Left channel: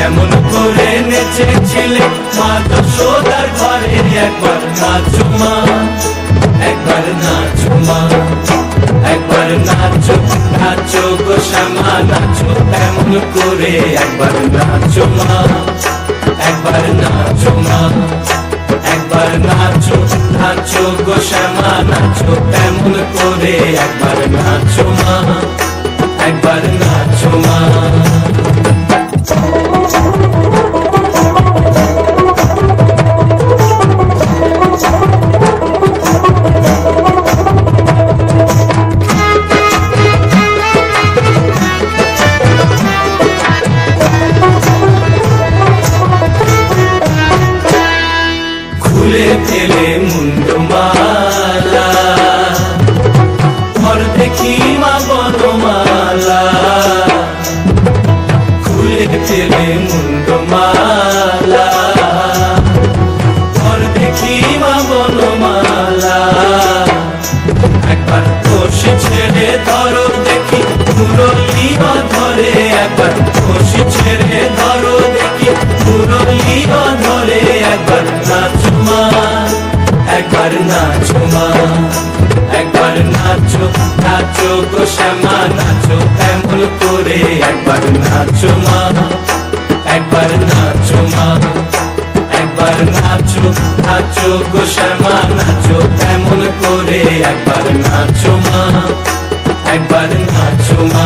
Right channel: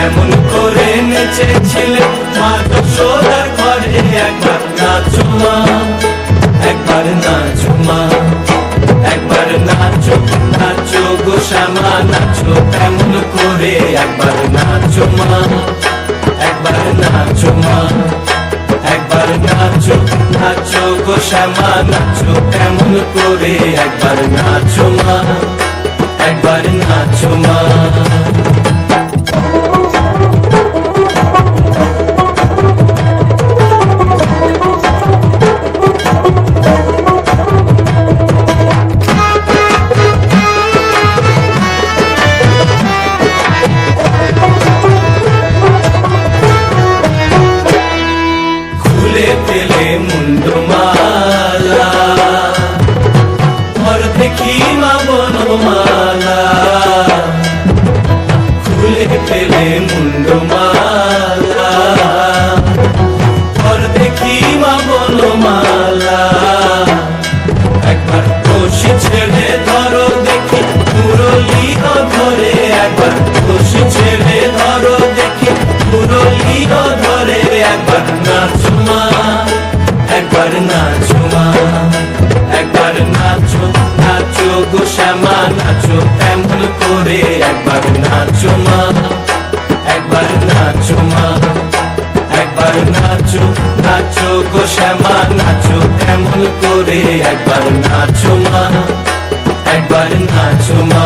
কেমন করে নেচেছিলে মা যশোদার ঘরে, একবার নাচো মা, একবার নাচো মা, একবার নাচো নাচো গো শ্যামা নাচো কেমন করে, একবার নাচো মা, একবার নাচো মা, একবার নাচো নাচো গো শ্যামা নাচো কেমন করে, একবার নাচো মা, একবার নাচো মা। খুলে ফেলে মুন্ডমালা, ঘর দেখি মা বনমালা, খুলে ফেলে মুন্ডমালা, ঘর দেখি মা বনমালা, একবার বসে ছেড়ে ধরো দেখি মুরলি ধরে, একবার বসে ছেড়ে ধরো দেখি মুরলি ধরে, একবার নাচো মা, একবার নাচো মা, একবার নাচো নাচো গো শ্যামা নাচো কেমন করে, একবার নাচো মা, একবার নাচো মা, একবার নাচো নাচো গো শ্যামা নাচো কেমন করে, একবার নাচো মা, একবার নাচো মা।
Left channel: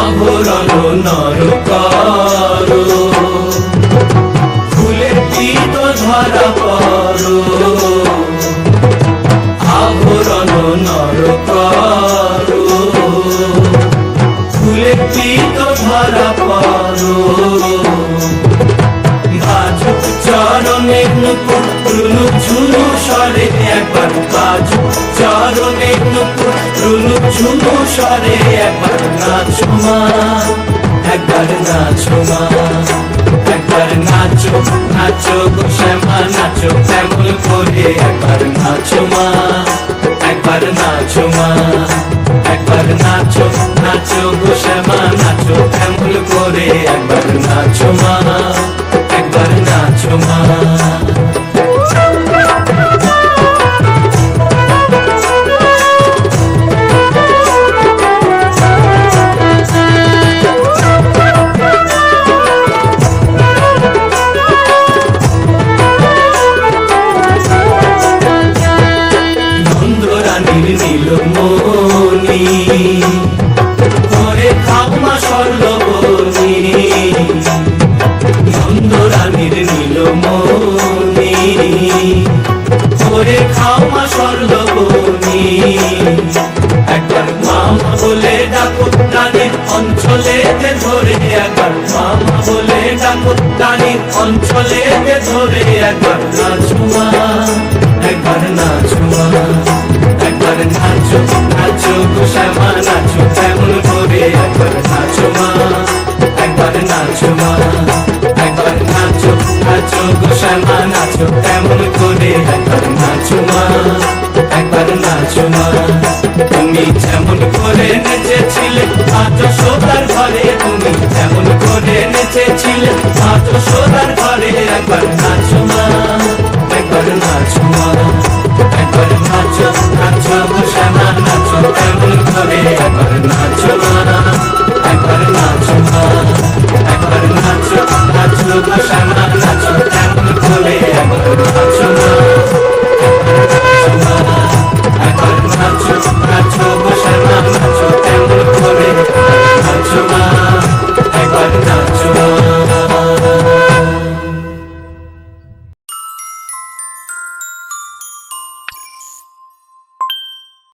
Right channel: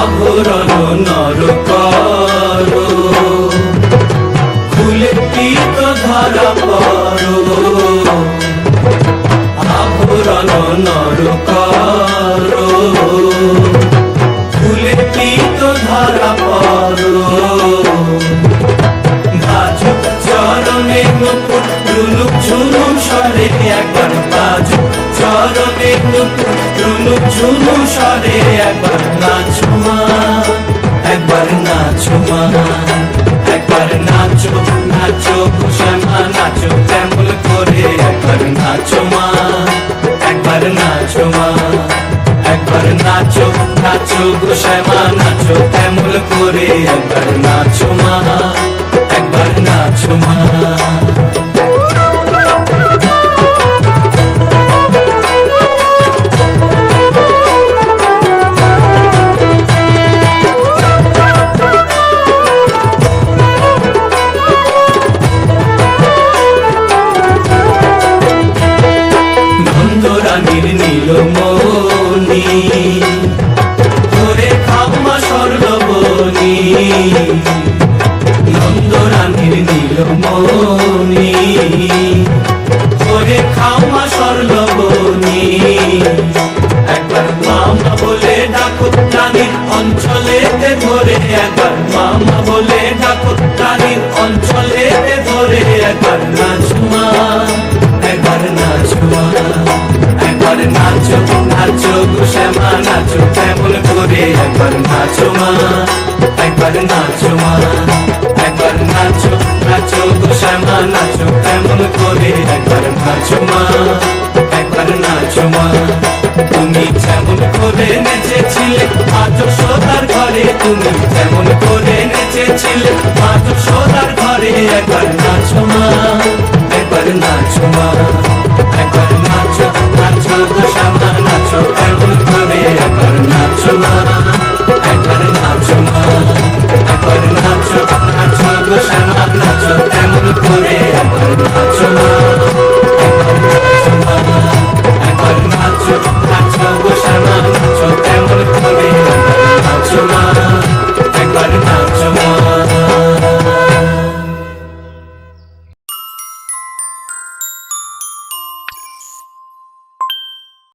আভরণ নর করো, ফুলের তীত ধরা পড়ো, আভরণ নর করো, ফুলের তীত ধরা পড়ো, বাজো চরণে নুপুর রুনু ঝুনু স্বরে, একবার বাজো চরণে নুপুর রুনু ঝুনু স্বরে, একবার নাচো মা, একবার নাচো মা, একবার নাচো নাচো গো শ্যামা নাচো কেমন করে, একবার নাচো মা, একবার নাচো মা, একবার নাচো নাচো গো শ্যামা নাচো কেমন করে, একবার নাচো মা, একবার নাচো মা। নন্দরানীর নীলমণি ধরে খাম্মা স্বর্ণবনী, নন্দরানীর নীলমণি ধরে খাম্মা স্বর্ণবনী, একবার মামা বলে ডাকো রানীর অঞ্চলেতে ধরে, একবার মামা বলে ডাকো রানীর অঞ্চলেতে ধরে, একবার নাচো মা, একবার নাচো মা, একবার নাচো নাচো গো শ্যামা নাচো কেমন করে, একবার নাচো মা, একবার নাচো মা, একবার নাচো নাচো গো শ্যামা নাচো কেমন করে, একবার নাচো মা, একবার নাচো মা। তুমি যেমন করে নেচেছিলে মা যশোদার ঘরে, তুমি যেমন করে নেচেছিলে মা যশোদার ঘরে, একবার নাচো মা, একবার নাচো মা।